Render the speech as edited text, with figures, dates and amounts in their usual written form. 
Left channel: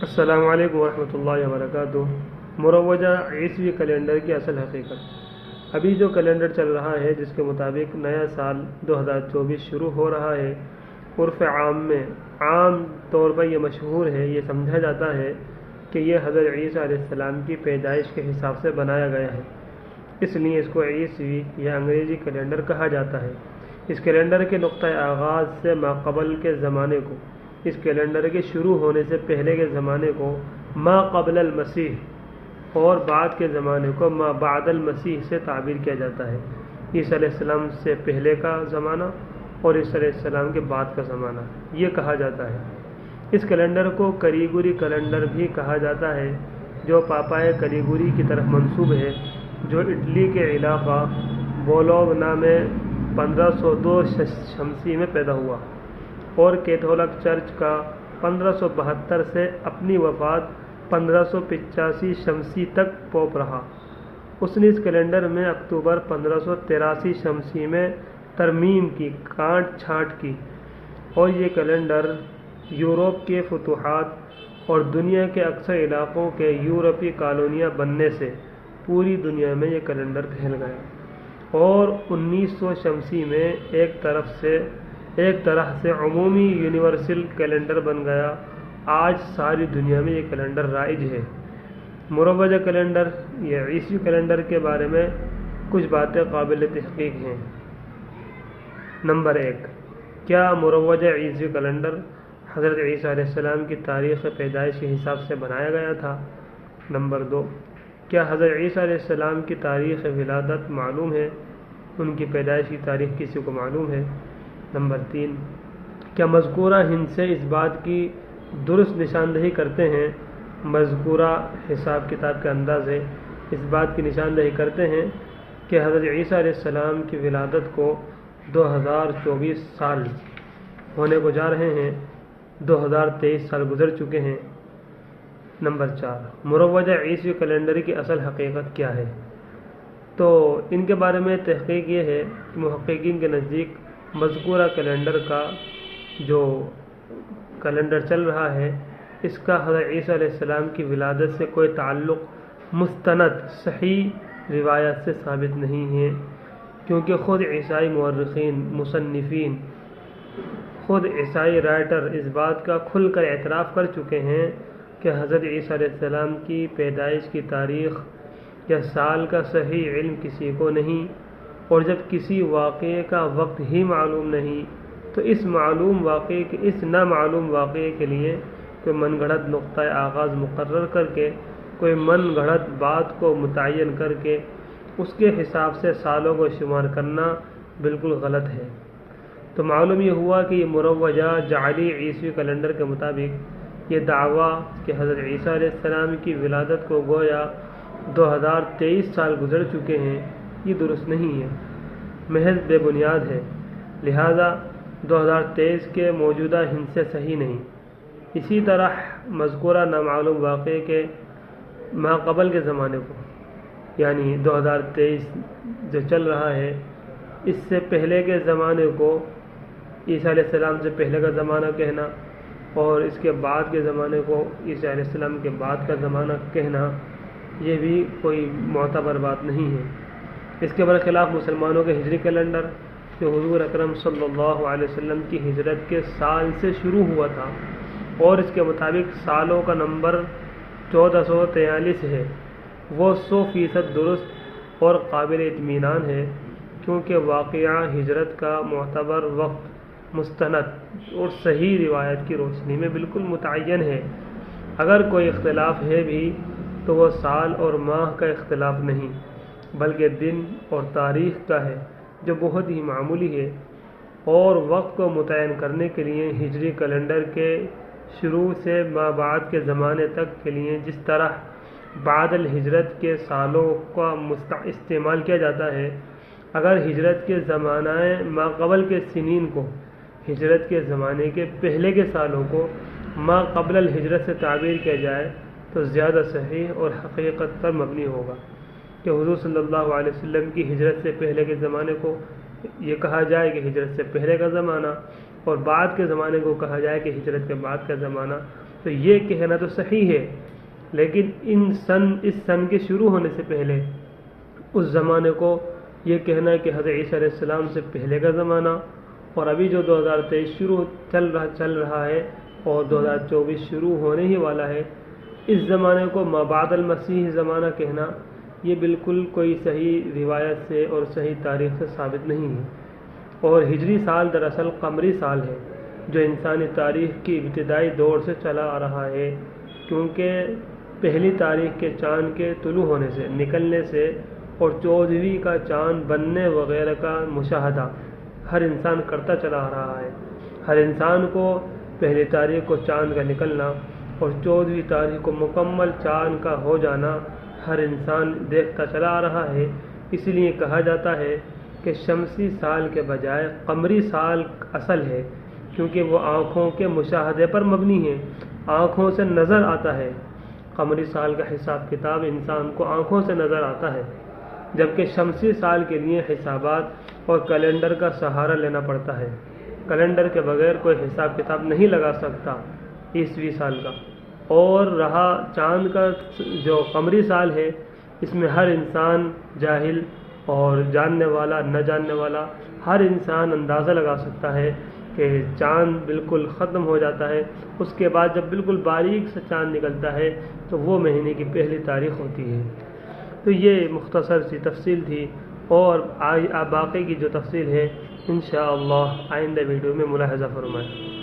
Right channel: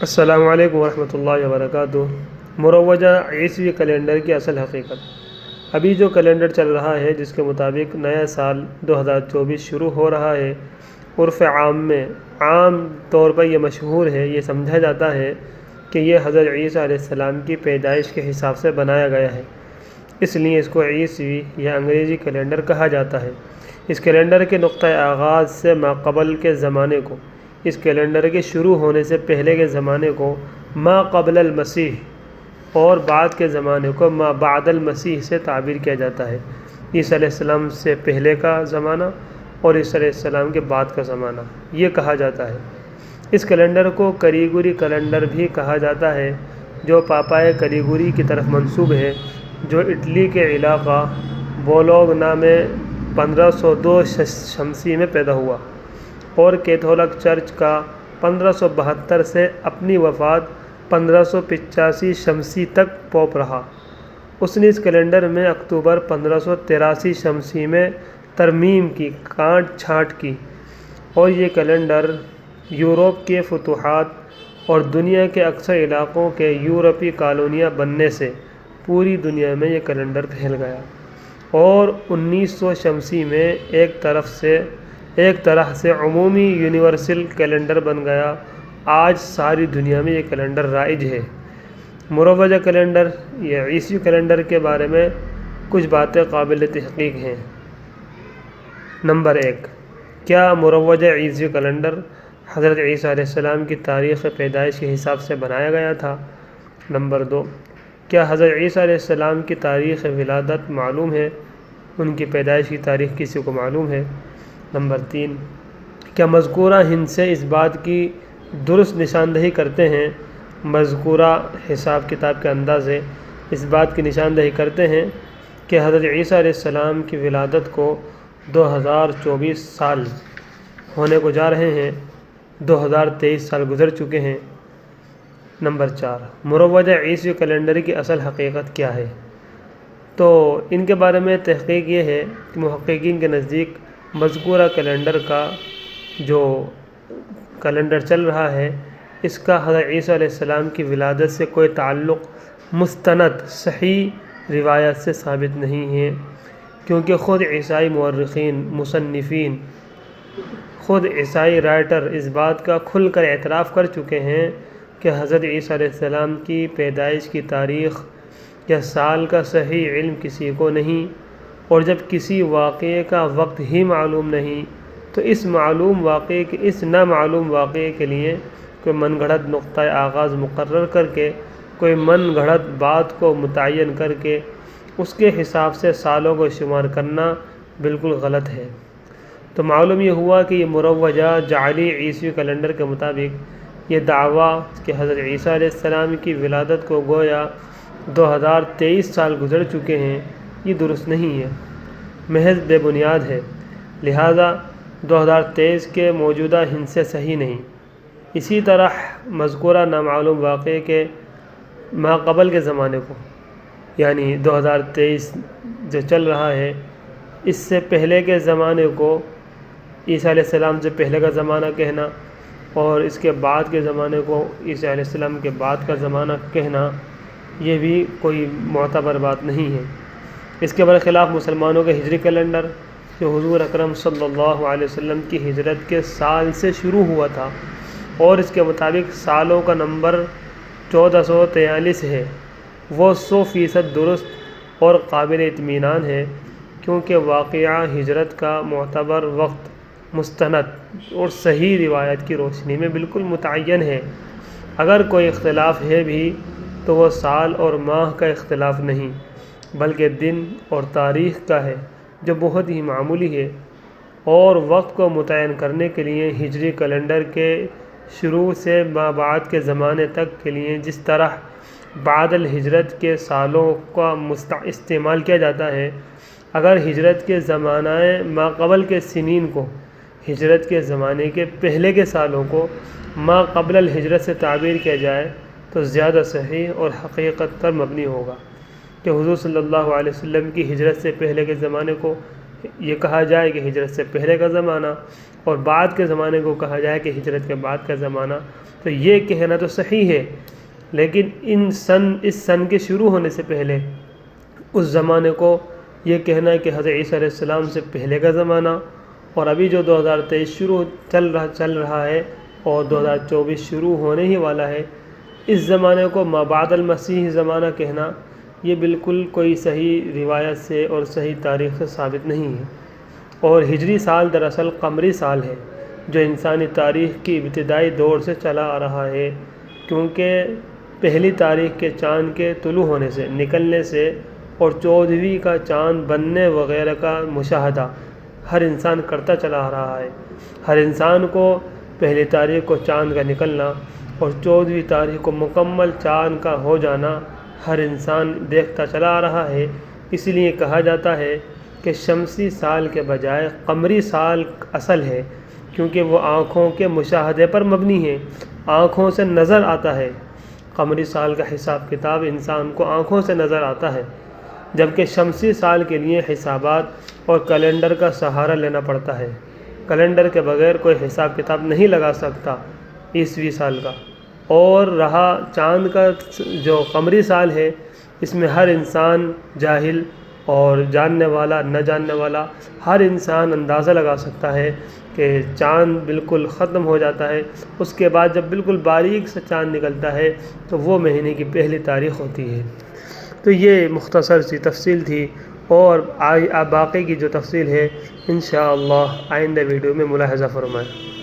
السلام علیکم ورحمۃ اللہ وبرکاتہ۔ مروجہ عیسوی کیلنڈر کی اصل حقیقت۔ ابھی جو کیلنڈر چل رہا ہے جس کے مطابق نیا سال 2024 شروع ہو رہا ہے، عرف عام میں عام طور پر یہ مشہور ہے، یہ سمجھا جاتا ہے کہ یہ حضرت عیسیٰ علیہ السلام کی پیدائش کے حساب سے بنایا گیا ہے، اس لیے اس کو عیسوی یا انگریزی کیلنڈر کہا جاتا ہے۔ اس کیلنڈر کے نقطۂ آغاز سے ماقبل کے زمانے کو، اس کیلنڈر کے شروع ہونے سے پہلے کے زمانے کو ما قبل المسیح اور بعد کے زمانے کو ما بعد المسیح سے تعبیر کیا جاتا ہے۔ عیسیٰ علیہ السلام سے پہلے کا زمانہ اور عیسیٰ علیہ السلام کے بعد کا زمانہ یہ کہا جاتا ہے۔ اس کیلنڈر کو کریگوری کیلنڈر بھی کہا جاتا ہے، جو پاپائے کریگوری کی طرف منسوب ہے، جو اٹلی کے علاقہ بولوگنا میں 1502 شمسی میں پیدا ہوا اور کیتھولک چرچ کا 1572 سے اپنی وفات 1585 شمسی تک پوپ رہا۔ اس نے اس کیلنڈر میں اکتوبر 1583 شمسی میں ترمیم کی، کاٹ چھانٹ کی، اور یہ کیلنڈر یورپ کے فتوحات اور دنیا کے اکثر علاقوں کے یورپی کالونیاں بننے سے پوری دنیا میں یہ کیلنڈر پھیل گیا اور 1900 شمسی میں ایک طرح سے عمومی یونیورسل کیلنڈر بن گیا۔ آج ساری دنیا میں یہ کیلنڈر رائج ہے۔ مروجہ کیلنڈر یا عیسوی کیلنڈر کے بارے میں کچھ باتیں قابل تحقیق ہیں۔ نمبر 1، کیا مروجہ عیسوی کیلنڈر حضرت عیسیٰ علیہ السلام کی تاریخ پیدائش کے حساب سے بنایا گیا تھا؟ نمبر 2، کیا حضرت عیسیٰ علیہ السلام کی تاریخ ولادت معلوم ہے؟ ان کی پیدائش کی تاریخ کسی کو معلوم ہے؟ نمبر 3، کیا مذکورہ ہندسے اس بات کی درست نشاندہی کرتے ہیں، مذکورہ حساب کتاب کے اندازے اس بات کی نشاندہی کرتے ہیں کہ حضرت عیسیٰ علیہ السلام کی ولادت کو 2024 سال ہونے کو جا رہے ہیں، 2023 سال گزر چکے ہیں؟ نمبر 4، مروجہ عیسوی کیلنڈر کی اصل حقیقت کیا ہے؟ تو ان کے بارے میں تحقیق یہ ہے کہ محققین کے نزدیک مذکورہ کیلنڈر کا جو کیلنڈر چل رہا ہے، اس کا حضرت عیسیٰ علیہ السلام کی ولادت سے کوئی تعلق مستند صحیح روایت سے ثابت نہیں ہے، کیونکہ خود عیسائی مورخین، مصنفین، خود عیسائی رائٹر اس بات کا کھل کر اعتراف کر چکے ہیں کہ حضرت عیسیٰ علیہ السلام کی پیدائش کی تاریخ یا سال کا صحیح علم کسی کو نہیں، اور جب کسی واقعے کا وقت ہی معلوم نہیں تو اس نامعلوم واقعے کے لیے کوئی من گھڑت نقطۂ آغاز مقرر کر کے، کوئی من گھڑت بات کو متعین کر کے اس کے حساب سے سالوں کو شمار کرنا بالکل غلط ہے۔ تو معلوم یہ ہوا کہ یہ مروجہ جعلی عیسوی کیلنڈر کے مطابق یہ دعویٰ کہ حضرت عیسیٰ علیہ السلام کی ولادت کو گویا 2023 سال گزر چکے ہیں، یہ درست نہیں ہے، محض بے بنیاد ہے، لہذا 2023 کے موجودہ ہندسے صحیح نہیں۔ اسی طرح مذکورہ نامعلوم واقعے کے ماقبل کے زمانے کو، یعنی 2023 جو چل رہا ہے، اس سے پہلے کے زمانے کو عیسیٰ علیہ السلام سے پہلے کا زمانہ کہنا اور اس کے بعد کے زمانے کو عیسیٰ علیہ السلام کے بعد کا زمانہ کہنا، یہ بھی کوئی معتبر بات نہیں ہے۔ اس کے برخلاف مسلمانوں کے ہجری کیلنڈر، جو حضور اکرم صلی اللہ علیہ وسلم کی ہجرت کے سال سے شروع ہوا تھا اور اس کے مطابق سالوں کا نمبر 1443 ہے، وہ 100% درست اور قابل اطمینان ہے، کیونکہ واقعہ ہجرت کا معتبر وقت مستند اور صحیح روایت کی روشنی میں بالکل متعین ہے۔ اگر کوئی اختلاف ہے بھی تو وہ سال اور ماہ کا اختلاف نہیں، بلکہ دن اور تاریخ کا ہے، جو بہت ہی معمولی ہے، اور وقت کو متعین کرنے کے لیے ہجری کیلنڈر کے شروع سے ما بعد کے زمانے تک کے لیے جس طرح بعد الہجرت کے سالوں کا استعمال کیا جاتا ہے، اگر ہجرت کے زمانہ ما قبل کے سنین کو ہجرت کے زمانے کے پہلے کے سالوں کو ما قبل الہجرت سے تعبیر کیا جائے تو زیادہ صحیح اور حقیقت پر مبنی ہوگا کہ حضور صلی اللہ علیہ وسلم کی ہجرت سے پہلے کے زمانے کو یہ کہا جائے کہ ہجرت سے پہلے کا زمانہ، اور بعد کے زمانے کو کہا جائے کہ ہجرت کے بعد کا زمانہ، تو یہ کہنا تو صحیح ہے، لیکن اس سن کے شروع ہونے سے پہلے اس زمانے کو یہ کہنا کہ حضرت عیسیٰ علیہ السلام سے پہلے کا زمانہ اور ابھی جو 2023 چل رہا ہے اور 2024 شروع ہونے ہی والا ہے، اس زمانے کو ما بعد المسیح زمانہ کہنا یہ بالکل کوئی صحیح روایت سے اور صحیح تاریخ سے ثابت نہیں ہے۔ اور ہجری سال دراصل قمری سال ہے جو انسانی تاریخ کی ابتدائی دور سے چلا آ رہا ہے، کیونکہ پہلی تاریخ کے چاند کے طلوع ہونے سے، نکلنے سے اور 14ویں کا چاند بننے وغیرہ کا مشاہدہ ہر انسان کرتا چلا آ رہا ہے۔ ہر انسان کو پہلی تاریخ کو چاند کا نکلنا اور 14ویں تاریخ کو مکمل چاند کا ہو جانا ہر انسان دیکھتا چلا آ رہا ہے۔ اسی لیے کہا جاتا ہے کہ شمسی سال کے بجائے قمری سال اصل ہے، کیونکہ وہ آنکھوں کے مشاہدے پر مبنی ہے، آنکھوں سے نظر آتا ہے۔ قمری سال کا حساب کتاب انسان کو آنکھوں سے نظر آتا ہے، جبکہ شمسی سال کے لیے حسابات اور کیلنڈر کا سہارا لینا پڑتا ہے۔ کیلنڈر کے بغیر کوئی حساب کتاب نہیں لگا سکتا عیسوی سال کا۔ اور رہا چاند کا جو قمری سال ہے، اس میں ہر انسان جاہل اور جاننے والا نہ جاننے والا ہر انسان اندازہ لگا سکتا ہے کہ چاند بالکل ختم ہو جاتا ہے، اس کے بعد جب بالکل باریک سے چاند نکلتا ہے تو وہ مہینے کی پہلی تاریخ ہوتی ہے۔ تو یہ مختصر سی تفصیل تھی، اور باقی کی جو تفصیل ہے انشاءاللہ آئندہ ویڈیو میں ملاحظہ فرمائیں۔